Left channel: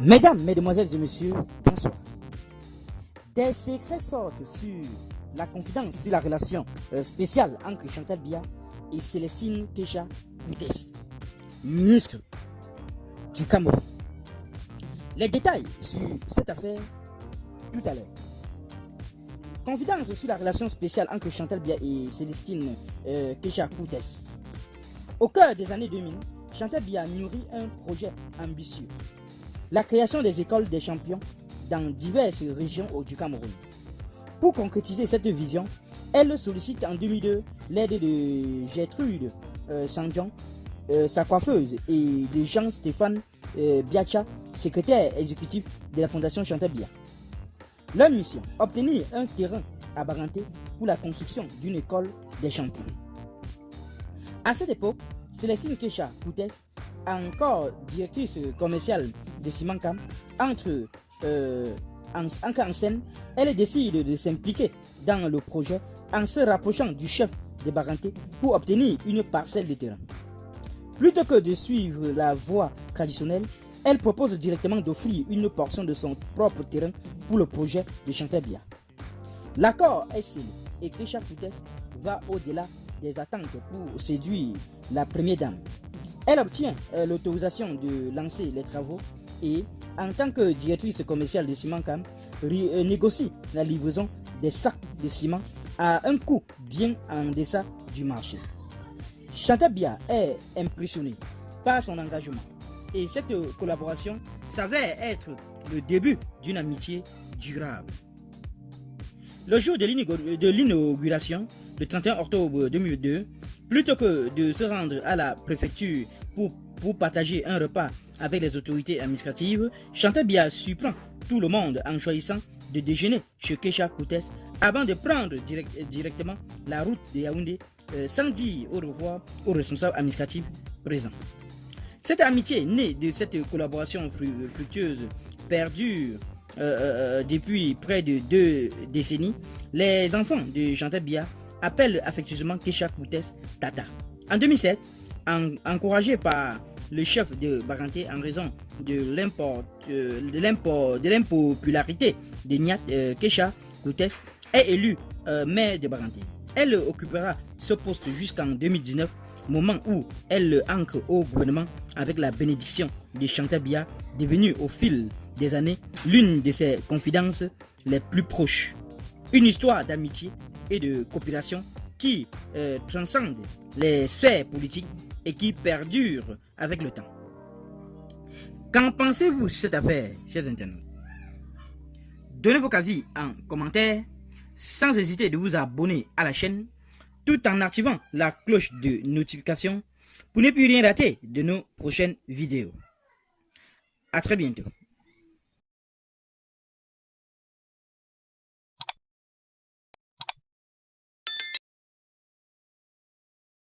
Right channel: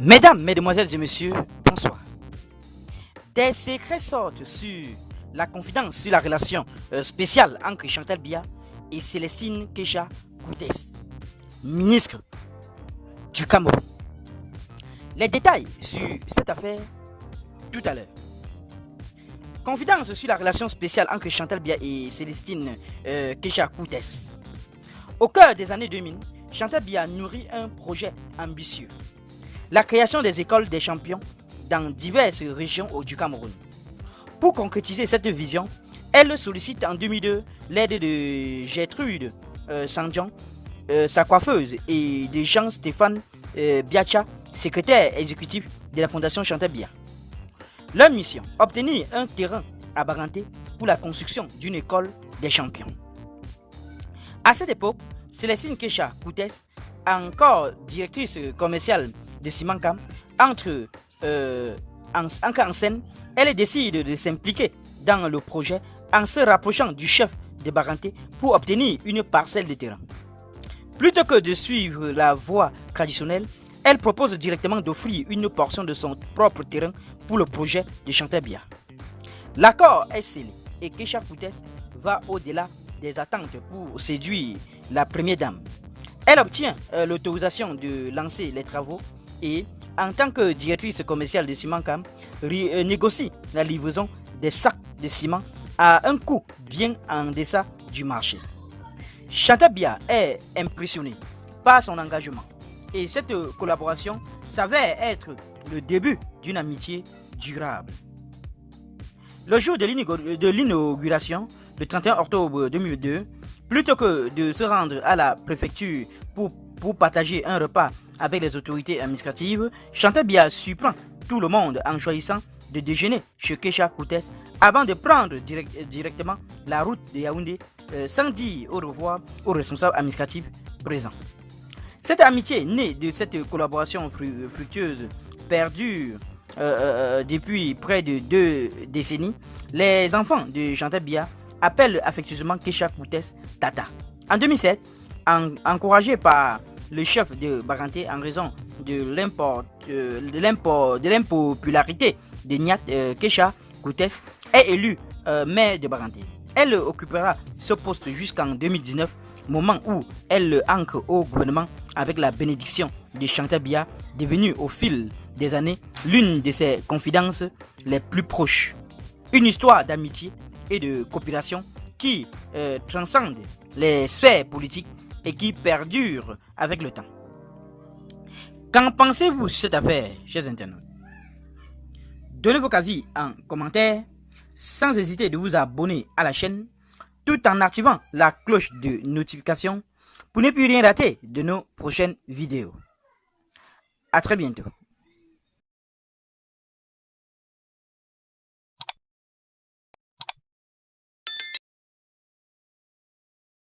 Mesdames, Mesdemoiselles et Messieurs, bonsoir. Des secrets sortent sur la confidence sur la relation spéciale entre Chantal Biya et Célestine Kecha Koutes, ministre du Cameroun. Les détails sur cette affaire tout à l'heure. Confidence sur la relation spéciale entre Chantal Biya et Célestine Kecha Koutes. Au cœur des années 2000, Chantal Biya nourrit un projet ambitieux. La création des écoles des champions dans diverses régions du Cameroun. Pour concrétiser cette vision, elle sollicite en 2002 l'aide de Gertrude Sandjan, sa coiffeuse, et de Jean-Stéphane Biacha, secrétaire exécutif de la Fondation Chantal Biya. Leur mission, obtenir un terrain à Baranté pour la construction d'une école des champions. À cette époque, Célestine Kecha Koutes, encore directrice commerciale de Simancam, entre en scène, elle décide de s'impliquer dans le projet en se rapprochant du chef de Baranté pour obtenir une parcelle de terrain. Plutôt que de suivre la voie traditionnelle, elle propose directement d'offrir une portion de son propre terrain pour le projet de Chantal Biya. L'accord est scellé et Kecha Koutes va au-delà des attentes pour séduire la première dame. Elle obtient l'autorisation de lancer les travaux et, en tant que directrice commerciale de Simancam, négocie la livraison des sacs de ciment à un coût bien en deçà du marché. Chantal Biya est impressionnée par son engagement et cette collaboration s'avère être le début d'une amitié durable. Le jour de l'inauguration, le 31 octobre 2002, plutôt que de se rendre à la préfecture pour partager un repas avec les autorités administratives, Chantal Biya surprend tout le monde en choisissant de déjeuner chez Kecha Koutes avant de prendre directement la route de Yaoundé sans dire au revoir aux responsables administratifs présents. Cette amitié née de cette collaboration fructueuse perdure depuis près de 2 décennies. Les enfants de Chantal Biya appellent affectueusement Kecha Koutes Tata. En 2007, encouragé par le chef de Baranté en raison de l'impopularité de Niat, Kecha Koutes est élu maire de Baranté. Elle occupera ce poste jusqu'en 2019, moment où elle entre au gouvernement avec la bénédiction de Chantal Biya, devenue au fil des années l'une de ses confidences les plus proches. Une histoire d'amitié et de coopération qui transcende les sphères politiques et qui perdure avec le temps. Qu'en pensez-vous sur cette affaire, chers internautes? Donnez vos avis en commentaire, sans hésiter de vous abonner à la chaîne, tout en activant la cloche de notification pour ne plus rien rater de nos prochaines vidéos. À très bientôt.